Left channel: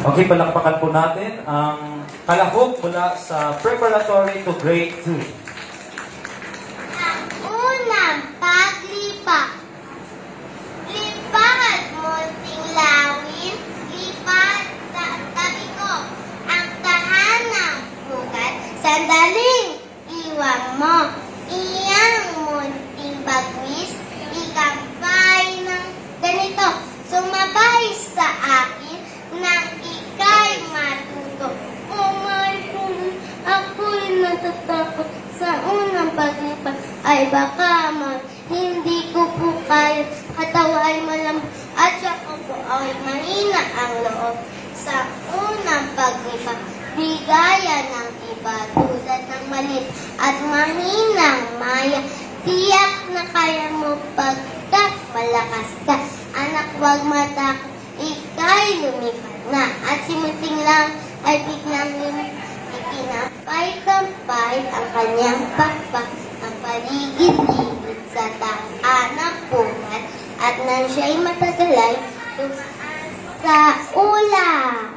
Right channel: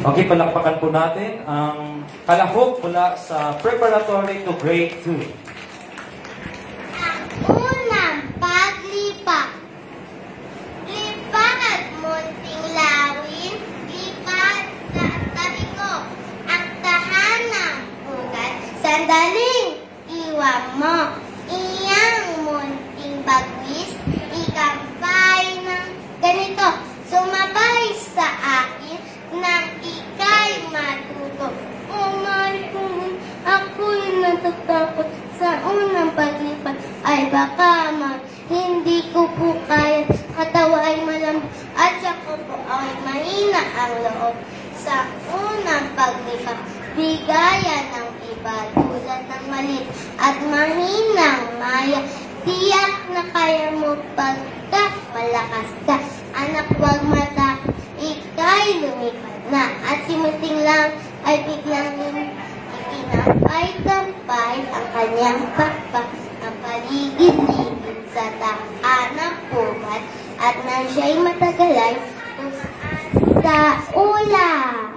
Okay, palakpakan po natin ang kalahok mula sa preparatory to grade 2. Ang unang paglipa. Lipat munting lawin, lipat sa tabi ko. Ang tahanang bugat, sandaling iwan mo. Iyang munting bagwis, ikampay ng ganito. Sumabay sa akin nang ika'y matuto. Oh my God, ako'y natatakot sa unang paglipat. Ay baka hindi ko po kaya. Katawa ay malambot at saka po ay mahina ang loob. Sa unang paglipat, di gaya ng iba tulad ng maliit at mahinang maya. Tiyak na kaya mo pagkat malakas ka. Anak, huwag matakot, ika'y lumipat na. At si Muting lang ay biglang ikinampay-tampay ang kanyang pakpak ang paligid-ligid sa tahanang pumat at nang siya'y matagalay, tumaan sa ulan.